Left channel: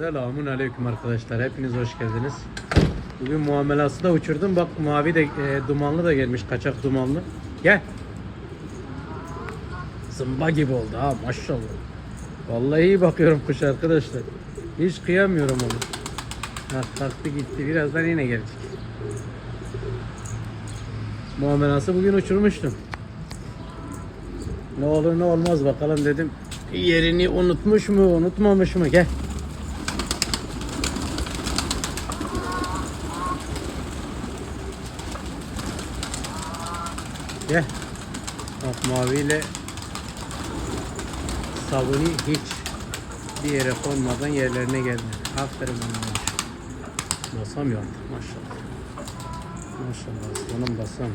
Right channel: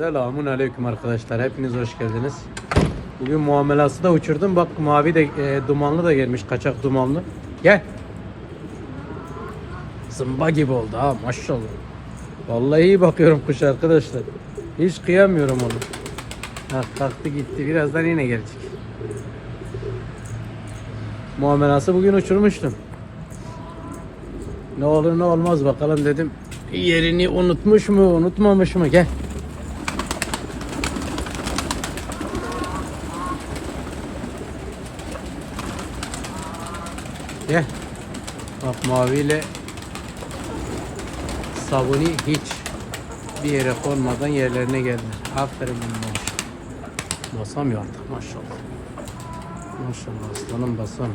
Selamun aleyküm arkadaşlar. Hepiniz hoş geldiniz. Bugün muamelası da uçurdum. Bak mavi de e, dumanlı da gelmiş. Kaçak dumanlı. Gel. Zımba gibi oldu ha maşallah. Vallahi iyi bakıyorum kuş arkadaşlar. Hiç kıyamıyorum onu. Ha, kalktı gitti. Birazdan yine gelecek. Muamelası bugün uçurmuştum. Ne olur ne olmaz bakalım dedim. Yerini unutmuş mu unutmamış mı? Gel. Gel. Bak maviyle sabuni hiç bir yere konmadan yerlerine gelmedi. Aferin benim. Basamıyor artık maşallah. Maşallah aslanım basam.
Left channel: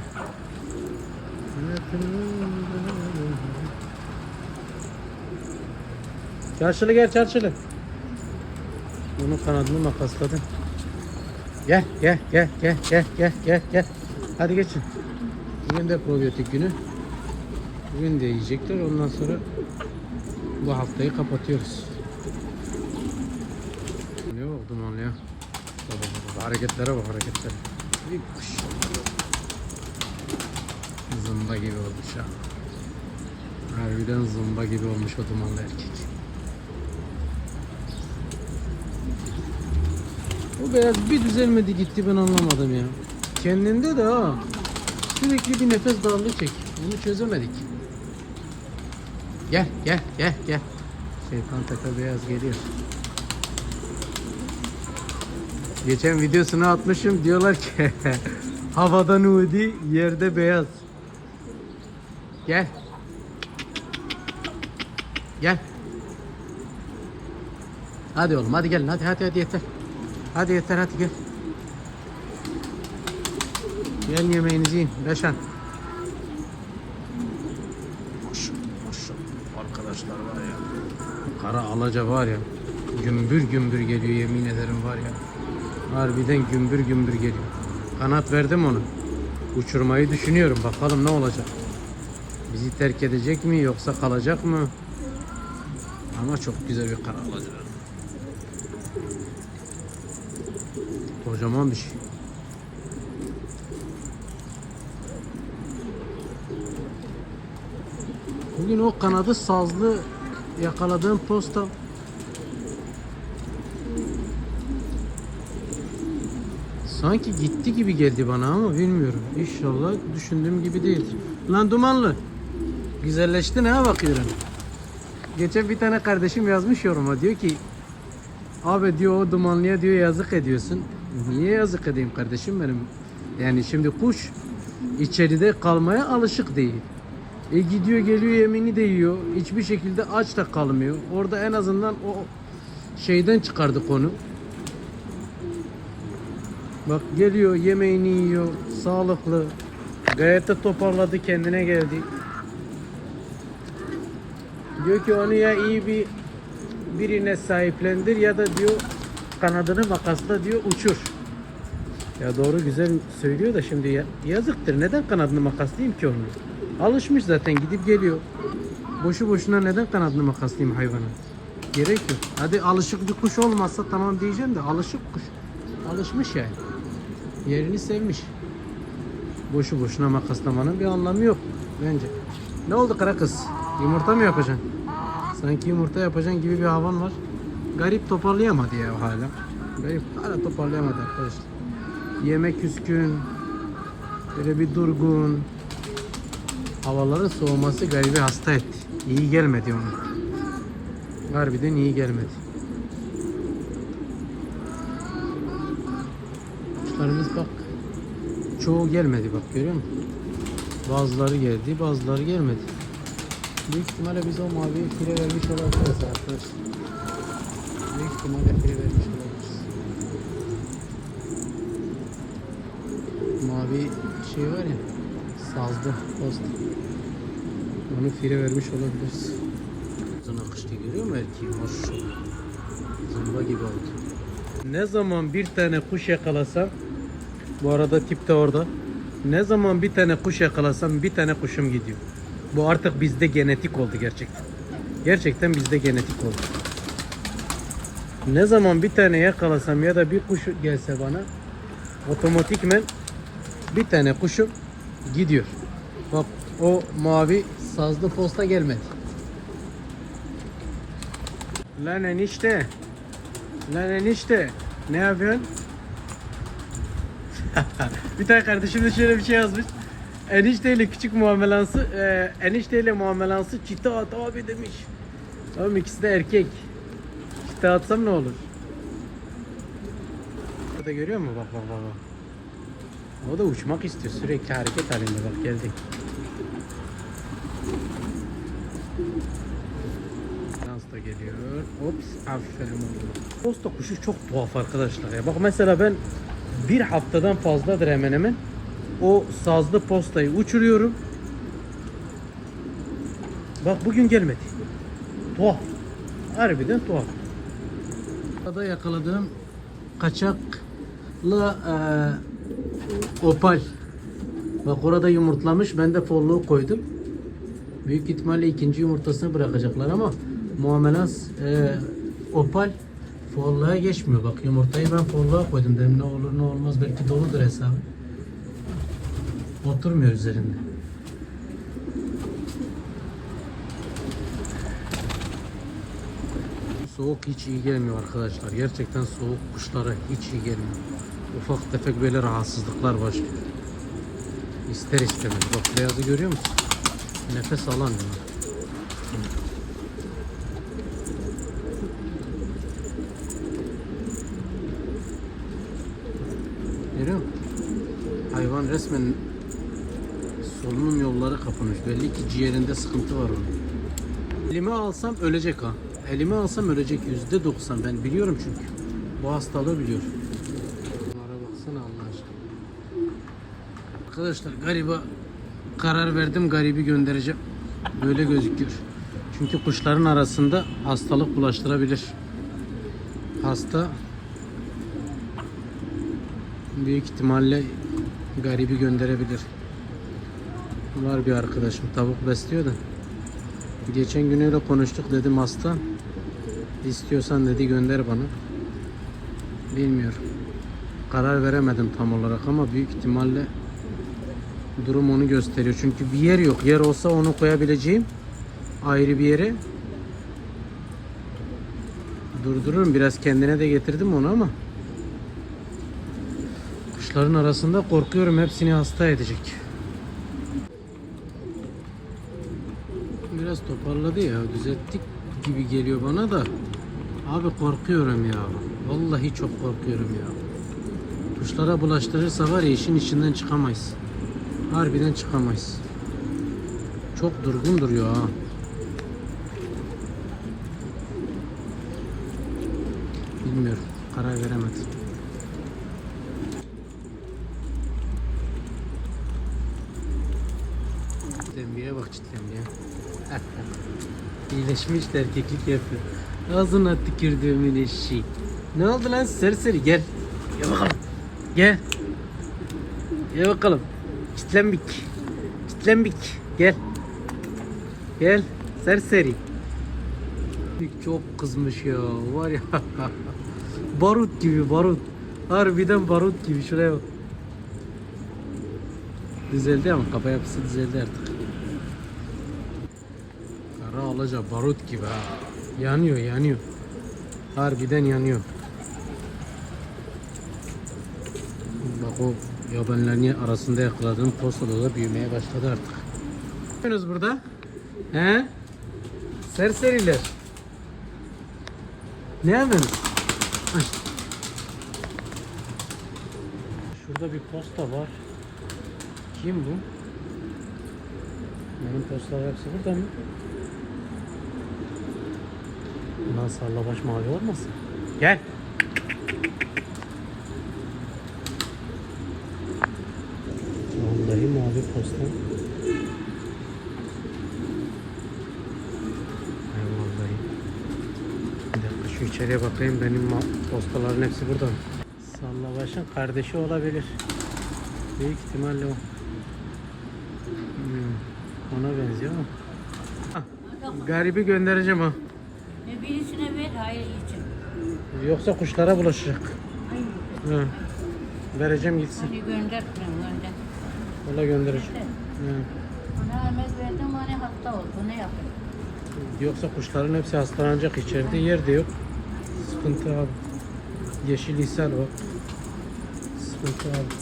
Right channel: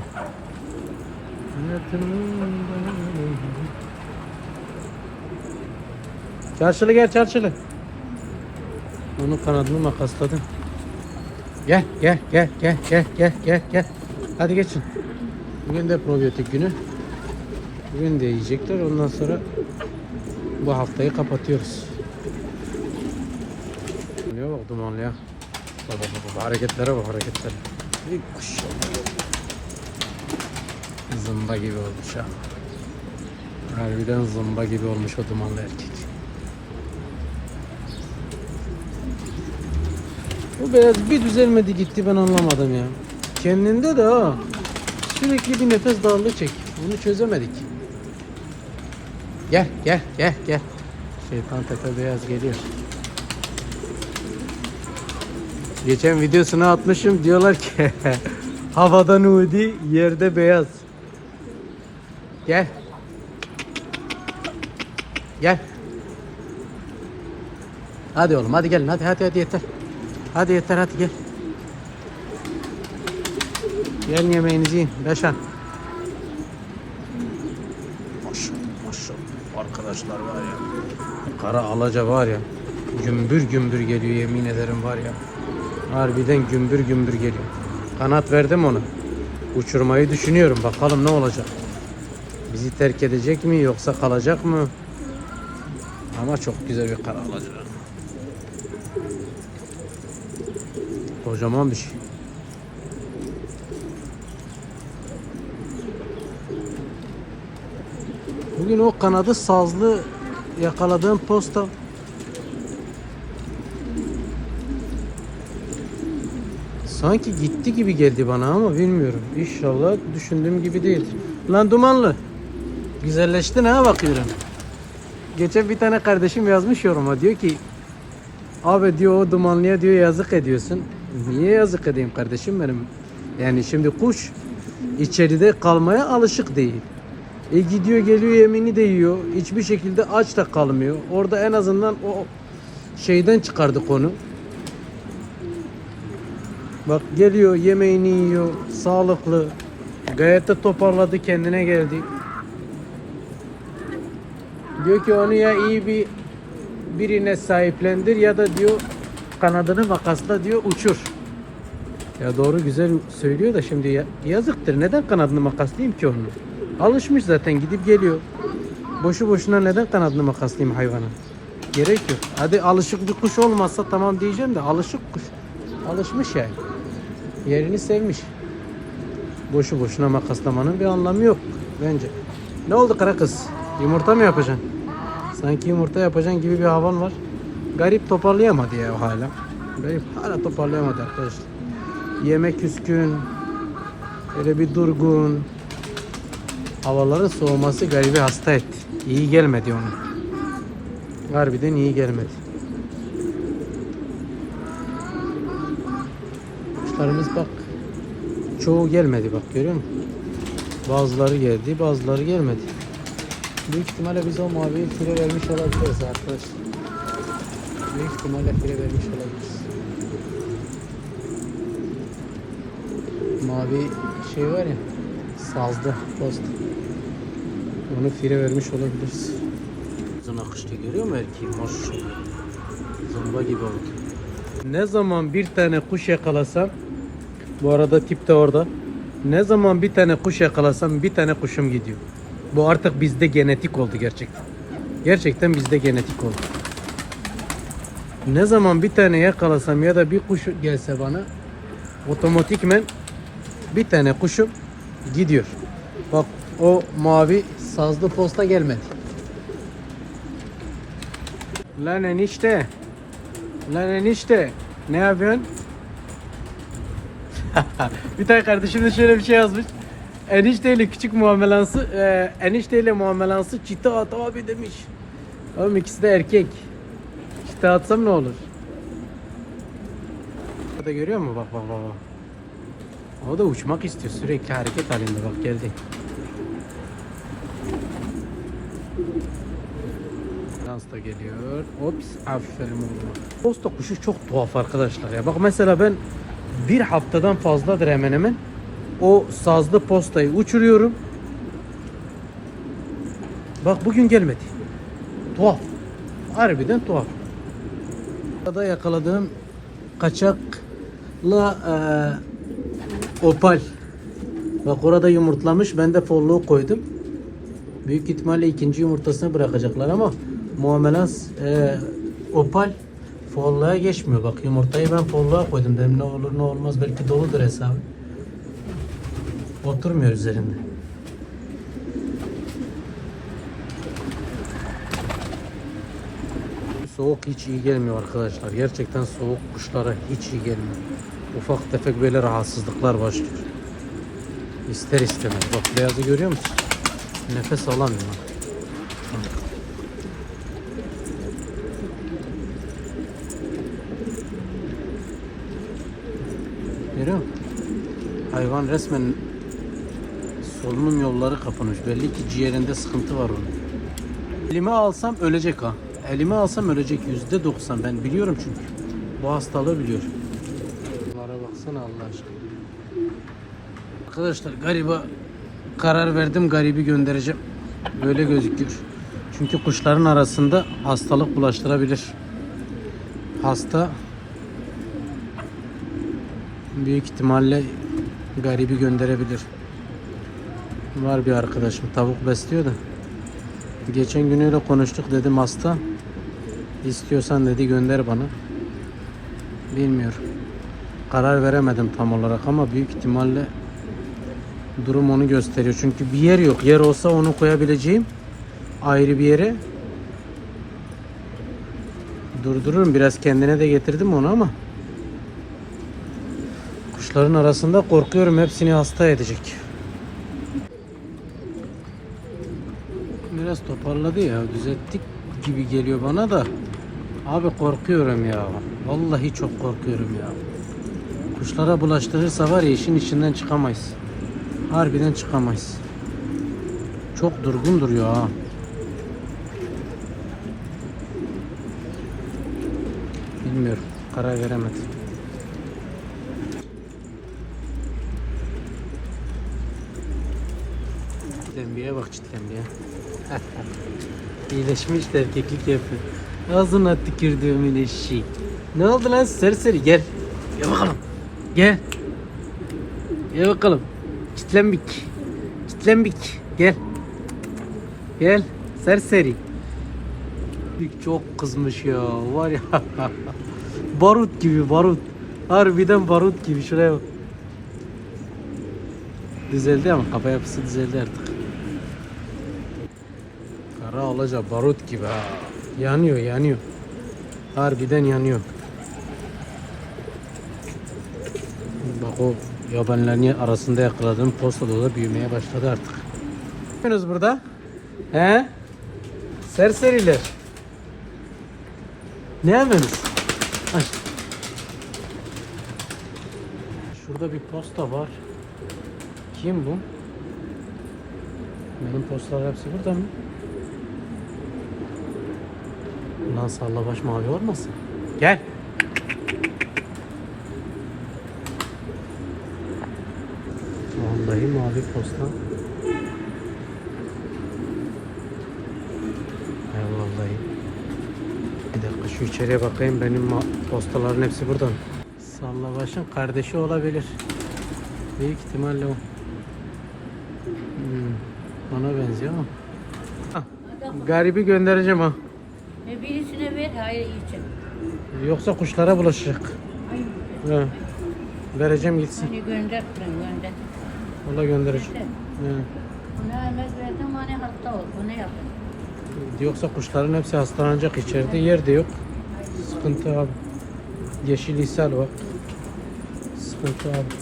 Çarşılı gel çarşılı. Onu kanadını makasladım. Gel gel gel gel gel gel gel. Hadi geçin. Bugün de probiyotik günü. Bugün de yiyecekler. Ondan sonra bu haftayı kapatıyoruz. Ne bak dumanlı ya. Baba baba hareketlere bak hareketlere. Bir kuş. Zımba gibi olmuş ha. Harbiden zımba gibi olmuş o dumanlı erkek. O beyaz bir düzelmedi gitti ben anlamadım ya. Kendinde de ha. Sürekli bir nefes darlığı çek. Bunu çözemedik. Gel gel gel gel. Şeytan tepe beyaz geliyor. Geçen videosunu atmışım diyorlar ki havada nudi yerde beyaz. Gel. Gel. Hadi oğlum hadi gelin hadi hadi hadi yeter. Hadi yeter hadi gel. Gelin yemeğinizi yiyin. Beşan. Maşallah maşallah. Arkadaşlar var ya. Kara alaca var ya. Gümbür gümbür geliyor yemin ederim var ya. Harbiden gümbür gümbür geliyor. Kanat verdim ona. Uçurmayı düşünüyorum. Bakalım ne olacak. Bizi terk edecek mi yoksa kalacak mı? Ama çok güzel bir kara alaca. Kocaman bir şey. Bugün o kanadı sazlı yakaladığım posta sanki gitti gibi geldi bana ama bilmiyorum. İnşallah düşündüğüm gibi değil. Lan dumanlı. Güzelleştin ha bakıyorum. Geçen bir tane kardeşim yazmış yoruma diyor ki Abi diyor o dumanlıya diyor yazık ediyorsun. Niye yazık edeyim kardeşim benim? Yani şimdi kuş içeride kalmaya alışık değil. E gidiyor geliyor yemini de yiyor. Hiçbir şekilde aç da kalmıyor. Orada en azından o şeyden çıkardık onu. Bak geliyor yemeğini yiyor. Sağlıklı. Gayet de toparladı kendine geldi. Diyor ki onu ya iyi bir birine sahiplendir ya da diyor kanadını makasla diyor uçur. Ya doğru güzel söylüyor da şimdi ya, yazıktır. Neden kanadını makaslayayım ki onu? Alışmış zaten gidip geliyor. Boşu boşuna neden kanadını makaslayayım hayvana? Gerek yok. Hadi alışık bir kuş olmazsa tamam diyeceğim de alışık kuş. Alışmış yani. Yerini sevmiş. Boşu boşuna makaslamanın bir anlamı yok bence. Ne oldu kara kız? Yumurta mı yapacaksın? Sanki yumurta yapacaksın gibi bir havan var. Garip toparlayamadı ya hala. Garip hala toparlayamadı arkadaşlar. Yemek küskün. Böyle bir durgun. Havaların soğuması garibi hasta etti. İyi gelmedi ona. Harbiden iyi gelmedi. Kuşlarımız bak. Çoğu gelmedi bak görüyor musun? Bazıları geldi, bazıları gelmedi. Büyük ihtimalle biz o maviyi fire vermiş olabiliriz arkadaşlar. Büyük ihtimalle fire vermiş olabiliriz. Mavi şey var ya, sazlı post. Onu fire vermiş olabiliriz. Uzun akışta görüyor musun erkeği? Maşallah. Zımba gibi oldu. Ne zaman bir tane kuş yakalasam, bu arada tip de orada. Ne zaman bir tane kuş yakalasam bir tane kuşum gidiyor. Bu artık bizde genetik oldu gerçekten. Gerçekten bizde genetik oldu. Ne zaman bir tane yakalasam ya da bir kuş gelse bana otomatikmen bir tane kuşum gidiyor. Bak o mavi sazlı posta gelmedi. Lan enişte. Lan enişte. Ne yapıyorsun? bir tane kardeşim de şöyle bir şey yazmış. Enişteyle küçük muamelansı, e, enişteyle muamelansı çite at abi demiş. Oğlum ikisi de erkek. Çite atsam ne olur? Burada görüyor musun? Bak bak bak. bak. O da uçmak istiyor. Sürekli hareket halinde bak geldi. Dans da geliyor. Ops aferin oğlum. Posta kuşu çok tuhaf arkadaşlar ya. Bak mesela ben bir haftadan fazladır hemen hemen o sazlı postayı uçuruyorum. Bak bugün gelmedi. Tuhaf. Harbiden tuhaf. Burada yakaladığım kaçakla eee, opal. Bak orada yumurtlamış. Ben de folluğu koydum. Büyük ihtimalle ikinci yumurtasını bırakacaklar ama muamelans eee, opal folluğa geçmiyor. Bak yumurtayı ben folluğa koydum. Dedim ne olur ne olmaz belki doludur hesabı. Oturmuyor üzerinde. Soğuk hiç iyi gelmiyor arkadaşlar. Gerçekten soğuk kuşlara hiç iyi gelmiyor. Ufak tefek böyle rahatsızlıklar başlıyor. İster istemez. Bak beyazı görüyor musun? Nefes alamıyor. Görüyor musun? Hayvan resmen solunum yolları kapanmış. Belli ki ciğerinde sıkıntı var onun. Elime alsam ölecek ha. Elime alsam ölecek yüzde doksan. Ben biliyorum çünkü. Bu hastalığı biliyorum. Bunlara baksana Allah aşkına. Arkadaşlar gariba karar verdim garibi göndereceğim. Böyle gözüküyor. Çünkü kuşların arasında hastalık bulaştırabilir. Hasta büyük ihtimalle garibi gönderebilir. Var bir arkadaşım tavuk besliyor da. Geçen günüyle konuştuk dedim hasta. İstiyorsan dedi gönder bana. Bilmiyorum. Karar veremedim tam olarak ama büyük ihtimalle durum onu gösteriyor. Çünkü bir yer yok. Yer olsa onu koyabileceğim ayrı bir yere durdururum. Biraz kendine de getirdim onu ama kuşların arasında korkuyorum hepsini hasta edecek. Biraz toparladı ya. Düzelttik gibi geliyor bana da. Abi korkuyorum ya. Vallahi çok korkuyorum ya. Kuşlara bulaştırırsa var ya işin içinden çıkamayız. Harbiden çıkamayız. Çok durgun duruyor ha. Bilmiyorum. Karar veremedim. Çitlenbiye bak çitlenbiye. İyileşmiş de erkeklik yapıyor. Ağzına tükürdüğümün eşeği. Ne oldu lan serseri gel. Gel bakalım. Gel. Gel bakalım. Çitlenbik. Çitlenbik. Gel. Gel. Serseri. Çok kızmış ya. Var ya. barut gibi barut. Harbiden barut gibi. Şuraya bak. Düzeldi ama kafa yapısı düzeldi artık. Kara olacak barut gibi ha. Yanıyor yanıyor. Harbiden yanıyor. Bak o yabanların arasında yakaladığım postada da büyümeye başladı artık. Ne yapıyorsunuz burada? He? Serseriler. Ne yapıyorsunuz? Ay. Şurada bir posta var. Kim bu? Benim postalar hepsi burada mı? Lan sallabaş mavi olmasın? Gel. Vallahi mavi posta. He vallahi. Bir dakika şu içeriye bakayım benim postaların hepsi burada mı? Sallabaşın kardeşi olabilir. Büyük ihtimalle o. Hmm, ona benziyor ama. Ah, Garibi göndereceğim ha. E birisine ver, hayır gitsin. Yoksa kuşlara bulaşacak. Ay, He. Vereceğim gitsin. onu gönder, gönder. Valla göndereceğim. He. Buna emek verdim, hani hasta oldu. Ne yapayım? Yoksa kuşların hepsi hastalanacak içeride. Yer de yok. Sıkıntı abi. Yeşil ishal var. Sıkıntı abi.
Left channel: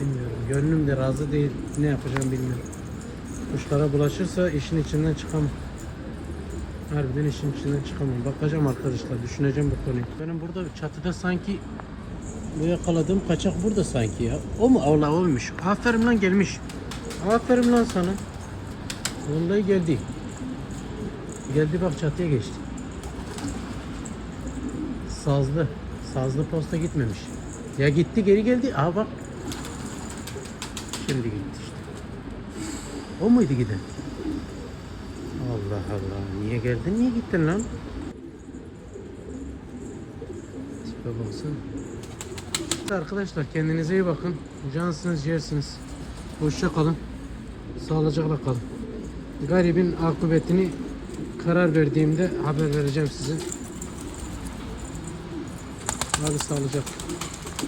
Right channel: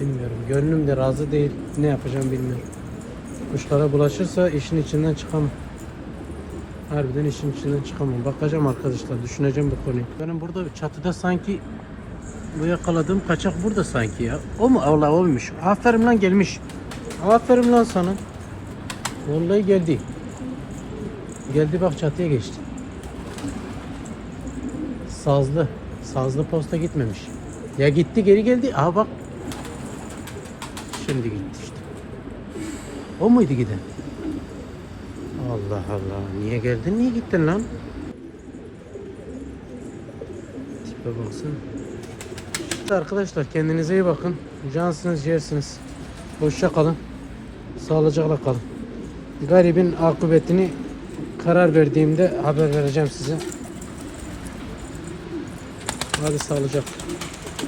Bilmiyorum. Gönlüm de razı değil. Ne yapacağım bilmiyorum. Kuşlara bulaşırsa işin içinden çıkamam. Harbiden işin içinden çıkamam. Bakacağım arkadaşlar. Düşüneceğim bu konuyu. Benim burada çatıda sanki bu yakaladığım kaçak burada sanki ya. O mu? Allah olmuş. Aferin lan gelmiş. Aferin lan sana. Vallahi geldi. Geldi bak çatıya geçti. Sazlı. Sazlı posta gitmemiş. Ya gitti geri geldi. Aha bak. Şimdi gitti. O muydu giden? Allah Allah. Niye geldin? Niye gittin lan? Tipe baksana. Arkadaşlar kendinize iyi bakın. Cansınız, yersiniz. Hoşça kalın. Sağlıcakla kalın. Garibin akıbetini karar verdiğimde haber vereceğim size. Hadi sağlıcakla.